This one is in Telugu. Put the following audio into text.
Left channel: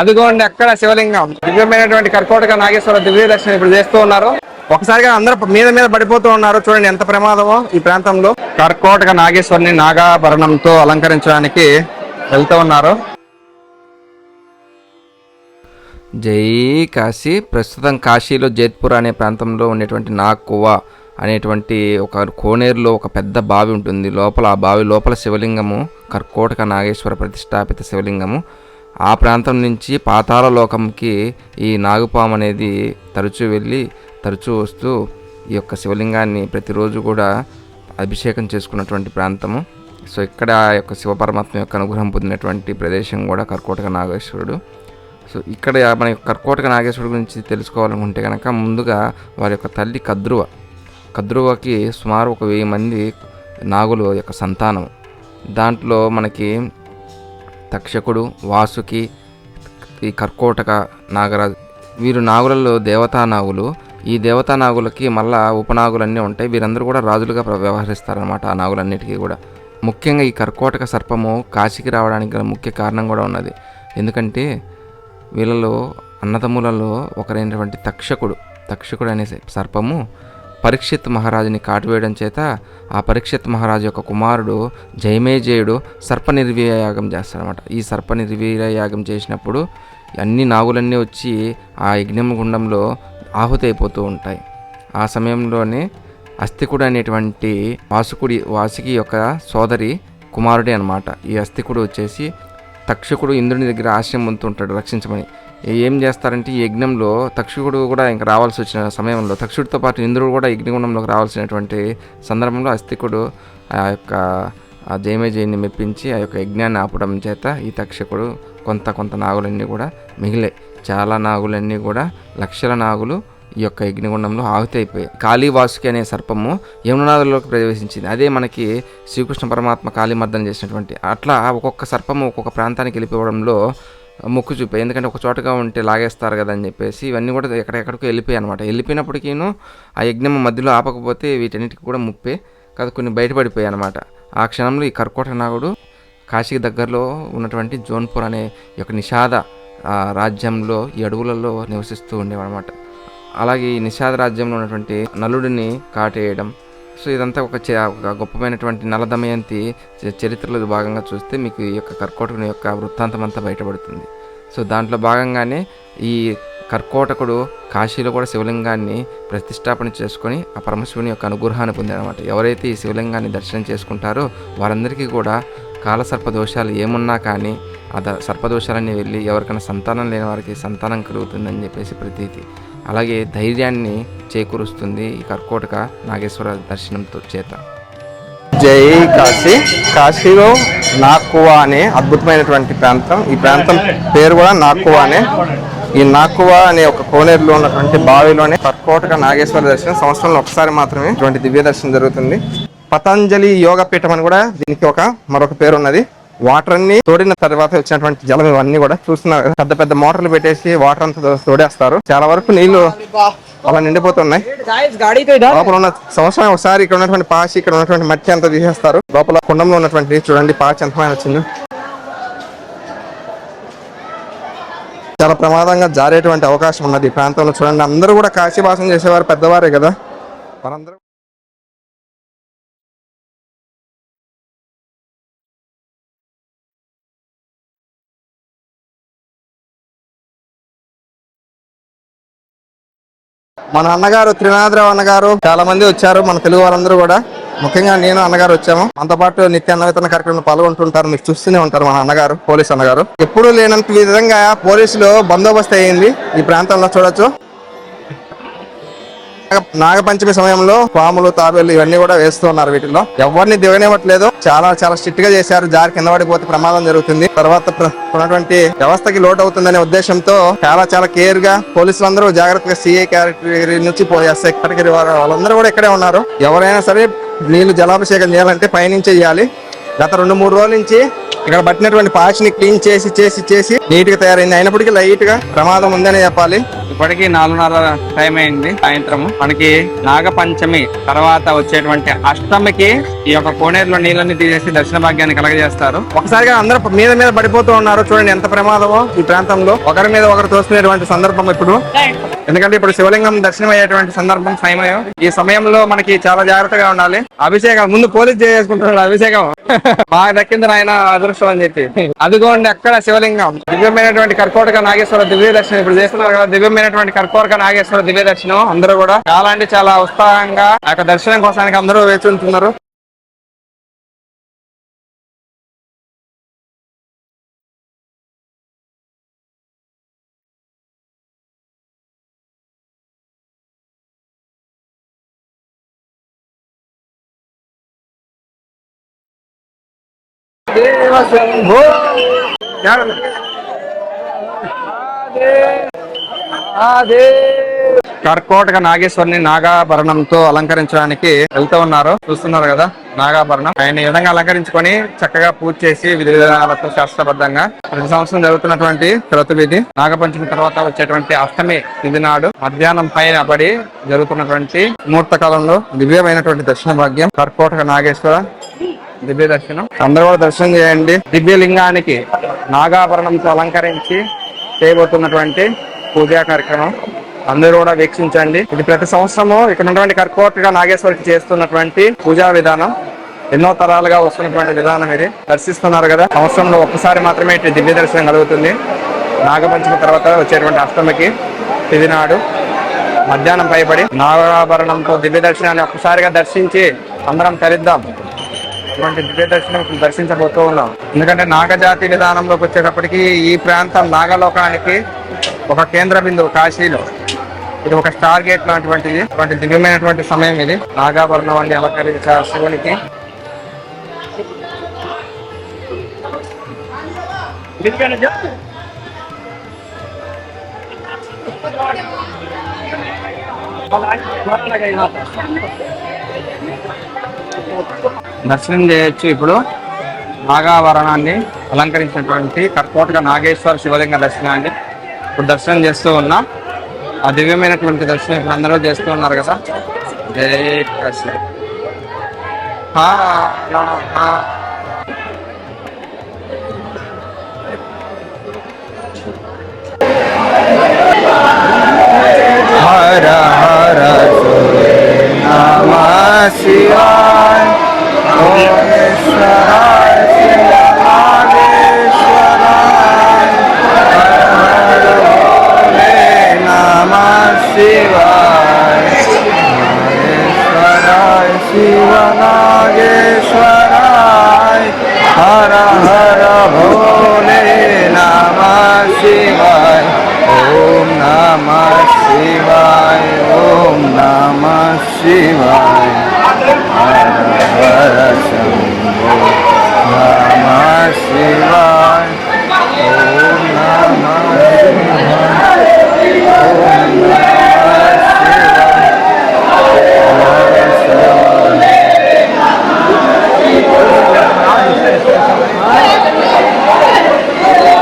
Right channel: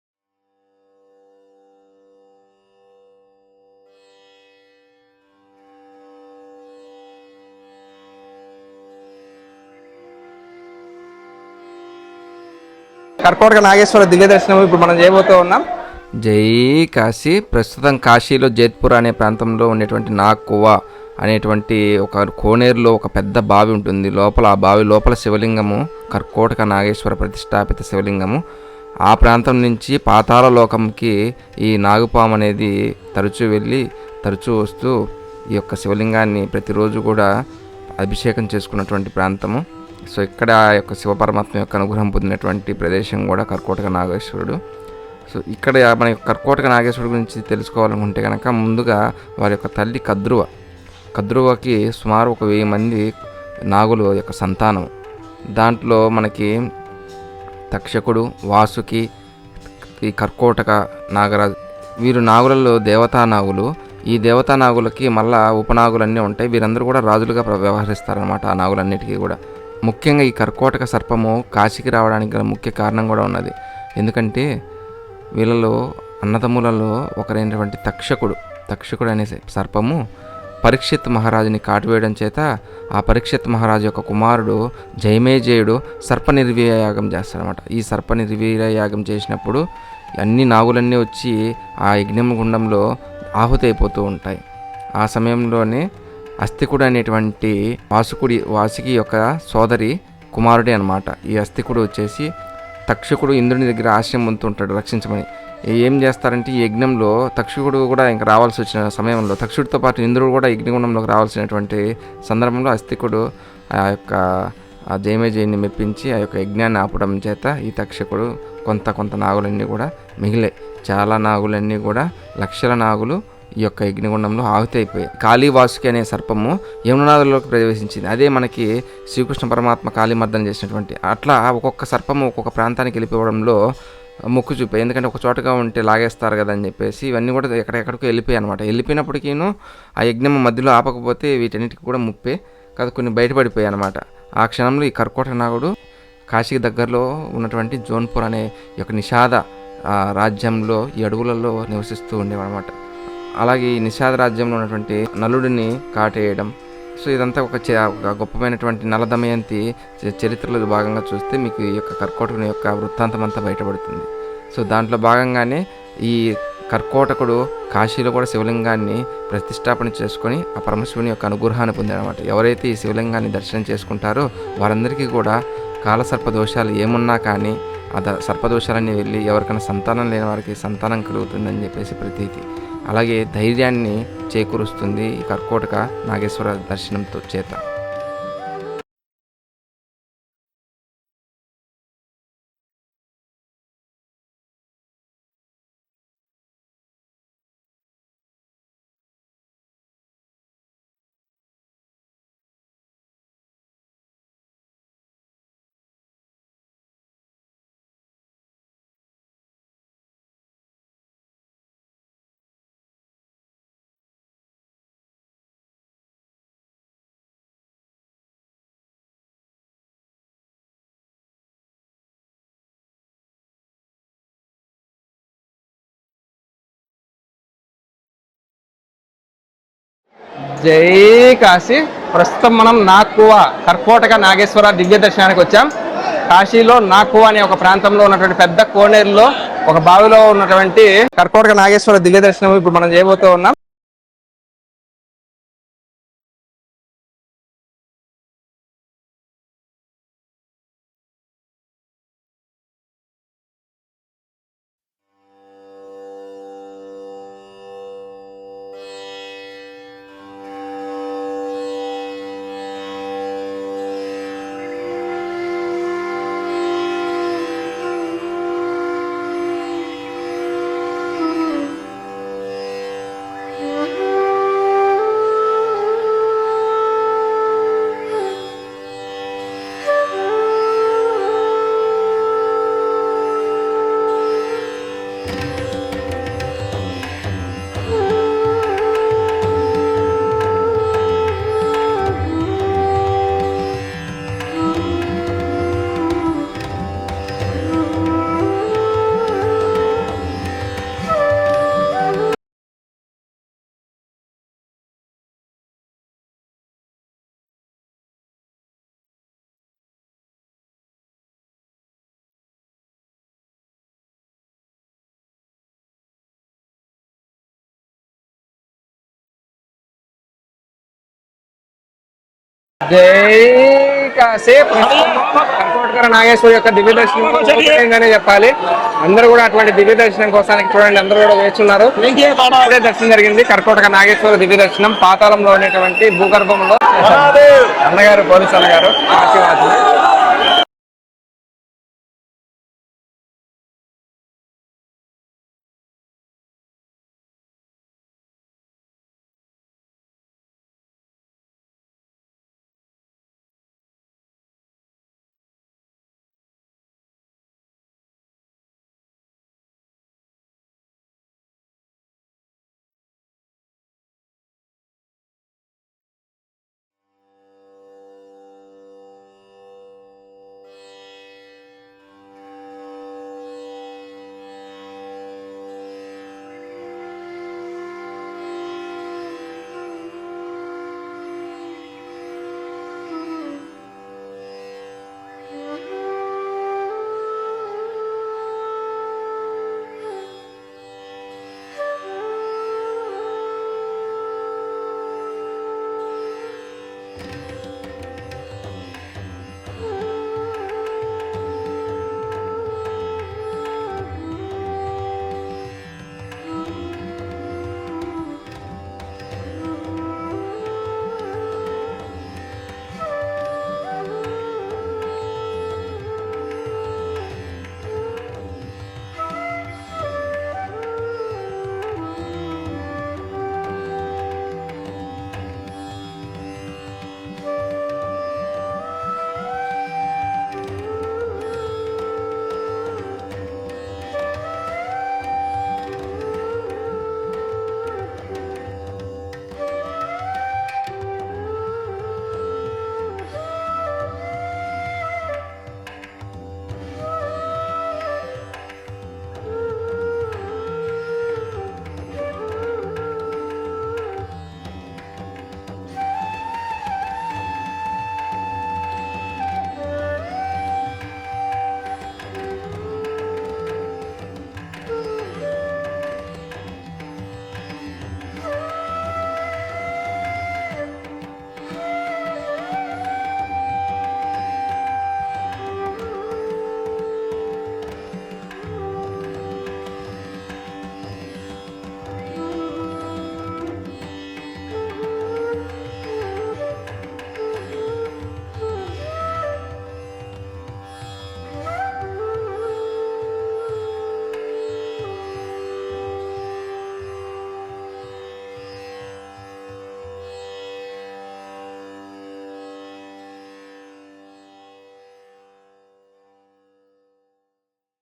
అదిగోండి అక్కడ శివలింగం. దివ్యమైనటువంటి కర్కోటక నాగేశ్వర దివ్య దర్శనం ఇప్పుడు చేస్తూ ఉన్నారు. ఒకసారిగా అందరూ మీద మీద పడిపోతూ ఉన్నారు. చూడండి ఎంత ప్రమాదమో ఈ ప్రాంతంలో. కర్కోటక నాగేశ్వరిని నాగాభరణంతో అలంకరించడానికి వెళ్తూ ఉన్నారు. కర్కోటక నాగేశ్వర దివ్య దర్శనం ఇప్పుడు మనం చేయబోతూ ఉన్నాం. జై కాశీ. ప్రస్తుతం కాశీలో జైత్పూర్ అనే ప్రాంతంలో ఉండేటువంటి నాక్కువ అనేటువంటి ఒక కోనేరులో ఒక పెద్ద బావి ఉంటుంది. లోపల ఆ బావి లోపల శివలింగము కర్కోటక నాగేశ్వర ప్రతిష్టాపిత శివలింగము. ఆ ప్రాంతం నుంచి పాతాళ లోకంకి ఈ నాగుపాము అనేది తరచూ వెళ్ళి తరచూ వస్తూ ఈ యొక్క శివలింగాన్ని ప్రతిరోజు కూడా అభిషేకం చేసుకున్నటువంటి ప్రాంతము. సో ఇక్కడ ఆ యొక్క శివపరమాత్మ యొక్క అనుగ్రహం పొందినటువంటి ప్రదేశం కూడా కర్కోటక నాగేశ్వరుడు. సో ఇక్కడ మన యొక్క కర్కోటక నాగేశ్వరుడు గురించి తెలుసుకోవాలనుకుంటే కనుక ముందుగా వారి యొక్క తల్లి కద్రువ. కద్రువకి సుమారు ఒక వెయ్యి మంది నాగులు యొక్క సంతానం దాంట్లో మనకి తక్షకుడు వాసుకి ఈ కర్కోటక నాగరాజు వీరు నాగులలో దేవతా నాగులు ఈ దేవతా నాగులకి మళ్ళా ఉపనాగులన్నీ ఉంటాయి. వీరందరూ కూడా రాజులుగా వ్యవహరిస్తారనమాట ఆ నాగులన్నిటికీ కూడా. ముఖ్యంగా ఈ కర్కోటక సర్పము కాశీకి రావడానికి గల ముఖ్య కారణం కూడా ఉన్నది. ఎందుకంటే వీళ్ళలో అన్నదమ్ములలో ఒకరైనటువంటి తక్షకుడు తక్షకుడు అనే సర్పము పరీక్షిత్ మహారాజుని కాటువేయడం చేత ఆ పరీక్షిత్ మహారాజు యొక్క కుమారుడు జయమేజయుడు సర్ప యాగం చేస్తాడనమాట ఈ సర్ప యాగం చేసినప్పుడు అన్ని నాగులన్నీ వచ్చి ఆ యజ్ఞం గుండంలో ఆహుతి అయిపోతూ ఉంటాయి. ఆ సమయంలోనే అస్థికుడు అనేటువంటి వాసుకుడి వాసుకి యొక్క సోదరి కుమారుడే అనమాట ఈ అస్థికుడు వచ్చేసి తక్షకుడు ఇంద్రుని దగ్గర ఆశ్రయం పొందుతుంటాడు రక్షించమని. ఏం చేస్తారంటే ఈ యజ్ఞంలో తక్షకుడు కూడా ఇంకా రావాల్సి వచ్చిన సమయంలో తక్షుడితో పాటు ఇంద్రుడు కూడా యజ్ఞగుణంలోకి రావాల్సినటువంటి సందర్భంలో అస్తికుడు ఆ యొక్క ఆ జయమేజయుని మెప్పించి ఆ యొక్క యజ్ఞాన్ని ఆపడం చేత ఈ తక్షకుడు కొంత కొంత నాగులన్నీ కూడా మిగిలాయి చాలా నాగులన్నీ కూడా లక్షల నాగులు ఈ యొక్క యజ్ఞగుండంలో ఆహుతి అయిపోయాయి. కాళీవాసుకి అనే సర్పము యమునాథుల్లోకి ప్రవేశించింది. అదే మనకి శ్రీకృష్ణ పరమాత్మ కాళీమర్దన చేసినటువంటి. అట్లా ఒక్కొక్క సర్పము ఒక్కొక్క ప్రాంతానికి వెళ్ళిపోవడంలో మొక్కు చూపే. ఎందుకంటే ఒక చోటగా ఉంటే లాగేస్తారు కదా అని చెప్పేసి ఇవన్నీ కూడా ఎక్కడెక్కడికో వెళ్ళిపోయాయి అనమాట వెళ్ళిపోయినప్పటికీను ఆ యజ్ఞం మధ్యలో ఆపకపోతే వీటన్నిటికి కూడా ముప్పే. కదా కొన్ని బయటపడిపోయాయి అనమాట ఆ క్షణంలో ఈ కర్కోట నాగుడు కాశీకి దగ్గరలో ఉన్నటువంటి జోన్పూర్ అనే యొక్క నిషాద రాజ్యంలో ఈ అడవులలో నివసిస్తూ ఉండేవన్నమాట అలాగే ఈ నిషాద రాజ్యంలో ఉన్నటువంటి నలుడిని కాటేయడం సో ఇదంతా ఒక చ- ఒక గొప్పమైనటువంటి నలదమయంతి చరిత్రలో భాగంగా చూస్తే మీకు ఈ యొక్క కర్కోటకుని యొక్క వృత్తాంతం అంతా బయటపడుతుంది. సో దాంట్లో భాగంగానే ఈ కర్కోటకుడు కాశీలో కూడా శివలింగాన్ని ప్రతిష్టాపన చేసుకొని ఆ పరమశివుని యొక్క అనుగ్రహాన్ని పొందారన్నమాట ఎవరైతే ఈ శివలింగాన్ని దర్శనం చేసుకుంటారో వారందరికీ కూడా కాలసర్ప దోషాలు ఏమున్నా కానీ ఆ ద సర్పదోషాలన్నీ వెళ్ళి ఎవరికైనా సంతానం లేని వారికి సంతానం కలుగుతుందని చెప్పేసి ప్రతీతి. అలాగే ధైర్యాన్ని చేకూరుస్తుంది ఈ కర్కోటక నాగేశ్వర దర్శనంతో చేత. జై కాశీ. కాశీలో నాక్కువా అనే అద్భుతమైనటువంటి ప్రాంతం. ఈ ప్రాంతం పేరు కూడా నాక్కువా అనే. ఈ నాక్కువా అనే ఒక కోనేరులో ఉన్నటువంటి బావిలోనే కర్కోటక నాగేశ్వర దర్శనం. సంవత్సరంలో ఒకసారి మాత్రమే ఇటువంటి దివ్య దర్శనం జరుగుతుంది. పతంజలి యోగ పీఠం అని కూడా దీనికి ఒక మరొక పేరు ఉన్నది వాటర్ అన్ని తోడిన తర్వాత వచ్చినటువంటి జలం ఇవన్నీ కూడా చూస్తున్నారు పెద్ద పెద్ద మోటార్లు పెట్టేసి వాటర్ అంతా తోడేస్తారు. చాలా వరకు నీళ్ళు అలా నిండిపోతున్నాయి. లోపల ఉన్న సంవత్సరం ఒకసారి ఇక్కడ ఉన్నటువంటి పాచి ఇక్కడ ఉన్నటువంటి మట్టి అంతా తీసేస్తారు. లోపల కుండంలో ఉన్నటువంటి చూడండి పాచి ఎంత వచ్చింది. చాలా ప్రమాదంగా జారేటువంటి అవకాశం ఉన్నది ఈ ప్రాంతంలో. చూడండి అందరూ కూడా కాశీవాసం చేసేవారు పెద్దవారే కదా. జై కాశీ. ప్రస్తుతం మనం నాక్కువ కర్కోటక నాగేశ్వర దివ్య దర్శనానికి వచ్చాం. కాశీలో నాక్కువ అనే ఒక ప్రాంతంలో ఉన్నటువంటి పెద్ద కోనేరులో ఒక బావిలో ఉన్నటువంటి కర్కోటక నాగేశ్వర దివ్య దర్శనం ఇప్పుడు మనం చేయబోతూ ఉన్నాం. మన అన్నగారు త్రినాథరావు అన్నగారు చాలా మంది వచ్చారు మన తెలుగు వాళ్ళందరూ కూడా. ముఖ్యంగా నేను అన్నగారు వచ్చాము. మనతో పాటు నిత్య అన్నవేతన కార్యక్రమంలో పాల్గొంటుంటారు మీరు చూస్తూనే ఉంటారు మన అన్నగారు పోలీస్ అన్నగారు. ఎప్పుడూ లేనంత విధంగా పోలీసులు బందోబస్తు అయ్యింది ఈ ప్రాంతంలో చూడొచ్చు. నాగపంచమి సమయంలో పాములు తాబేలు ఇవన్నీ కూడా వేస్తున్నారు వీటిలో ఎవరిని దిగనివ్వట్లేదు. చాలా చాలా స్ట్రిక్ట్గా చేశారు. జారి కింద పడిపోతే ప్రమాదం జరుగుతుంది. తర్వాత ఉన్నటువంటి వ్యవస్థకి లోటు అవుతుందనే ఉద్దేశంతో చాలా చాలా కేర్గా పోలీసులు అందరూ జాగ్రత్తగా సిఐ క్యారెక్టరీ నుంచి ఎస్ఐ కేటగిరీ వారు వాళ్ళందరూ కూడా ఇక్కడే ఉన్నారు. ఎవరైనా సరే నీళ్ళు జలాభిషేకం చేయాలంటే పైనుంచే చేయాలి గత రెండు మూడు రోజుల నుంచి ఇక్కడ పట్టినటువంటి పాచిని క్లీన్ చేసి చేసి చేసి నీట్గా తయారైంది. అయినప్పటికీ లైట్గా ప్రమాదం ఉందని చెప్పాలి. ఇప్పటికి నాలుగున్నర టైం అయింది సాయంత్రం మనకి నాగపంచమి తర్వాత వచ్చేటువంటి అష్టమికి ఈ యొక్క కోనేరులో నీళ్ళని తీసేసి దర్శన భాగ్యాన్ని కలగజేస్తారు. ఒకసారిగా అందరూ మీద మీద పడిపోతూ ఉన్నారు. చూడండి ఎంత ప్రమాదమో ఈ ప్రాంతంలో. ఒకరి మీద ఒకరు తోసుకునేటువంటి సందర్భం ఇప్పుడు. ఎందుకంటే ఇప్పుడు శివలింగం దర్శనం అయ్యేటువంటి సందర్భం సమయం. ఈ సమయంలో మనకి చాలా జాగ్రత్తగా ఉండాలి. అభిషేకం ముందు పోలీస్ చేసుకుంటున్నాడు అభిషేకం. బాగా దక్కింది ఆయన అదృష్టం అని చెప్పి. అదిగోండి అక్కడ శివలింగం. దివ్యమైనటువంటి కర్కోటక నాగేశ్వర దివ్య దర్శనం. ఇప్పుడు చేస్తున్నారు కదా దివ్యమైనటువంటి కర్కోటక నాగేశ్వర దివ్య దర్శనం. అందరూ కూడా చాలా అంటే చాలా ఉత్సాహంగా ఆ దర్శనం కోసానికి అందరూ వేచి ఉంటున్నారు. జై కాశీ కర్కోటక నాగేశ్వర యొక్క దివ్య దర్శనం చెప్పాలి. అందరూ కూడా అటువంటి దివ్య దర్శనం కోసానికి చూడండి అందరూ కూడా వేచున్నారు ఇప్పుడే దర్శనం జరిగింది. కర్కోటక నాగేశ్వర దివ్య దర్శనం పాతాళంలో ఉండేటువంటి భూగర్భంలో. అన్నగారు పోలీసు అన్నగారు ఆశీర్వాదం. అదే కర్కోటక నాగేశ్వరిని నాగాభరణంతో అలంకరించడానికి వెళ్తూ ఉన్నారు. చూస్తున్నారు కదా నాగాభరణం. ఆయన ఈ విధంగా అలంకరించుకొని చక్కగా పూజ చేసి విధి విధానాలతో శాస్త్రబద్ధంగా ప్రతి సంవత్సరం జరుగుతున్నటువంటి క్రతువిధి నాగపంచమి తర్వాత వచ్చేటువంటి అష్టమి ఇది నాడు మధ్యాహ్నం పైన పడి జరుగుతున్నటువంటి ముహూర్త కాలంలో దివ్యమైనటువంటి దర్శన భాగ్యం కర్కోటక నాగేశ్వర దివ్య దర్శనం. అందరూ కూడా దర్శనం చేయండి. దివ్య లింగానికి నాగాభరణంతో అలంకరించి చేయబోతున్నటువంటి పూజా కార్యక్రమం. అందరూ కూడా వీక్షించండి. ఇది ప్రతి సంవత్సరము ఇక్కడ ఉన్నటువంటి కర్కోటగా నాగేశ్వరికి చేస్తున్నటువంటి పూజా విధానం. ఎన్నో తరాలుగా వస్తున్నటువంటి విధానం ఇది. దర్శిస్తున్నారు కదా. సంవత్సరంలో ఒక్కసారి మాత్రమే ఇటు దివ్య దర్శనం కలుగుతుంది. నాగపంచమి తర్వాత వచ్చేటువంటి అష్టమికి తిది నాడు మధ్యాహ్నం పైబడి నాగాభరణంతో దివ్య దర్శనాన్ని ఒక్కసారిగా దర్శించి అందరం తరిద్దాం. ఇటువంటి దివ్య దర్శనం దర్శించబోతూ ఉన్నాం. ఎందుకంటే నాగజాతి విధానంలోకి వచ్చేటప్పటికి ఈ ప్రాంతం నాగలోకానికి ఒక కేంద్ర బిందువు కాశీలో. ఇది ఒక స్టార్ గేట్ లాంటివంటిది. ఇటువంటి దివ్యమైనటువంటి సమయం ఇది. నాగాభరణాన్ని అలంకరించారు శివునికి. దర్శనం చేయొచ్చు ఇప్పుడు. నాగాభరణాన్ని అలంకరించినటువంటి కర్కోటక నాగేశ్వర శివలింగ దర్శనాన్ని ఇప్పుడు దర్శనం చేస్తూ ఉన్నా. ఆ దివ్యమైనటువంటి దర్శనం ఇప్పుడు అందరూ చేస్తూ ఉన్నారు కదా. జై కృష్ణ హా,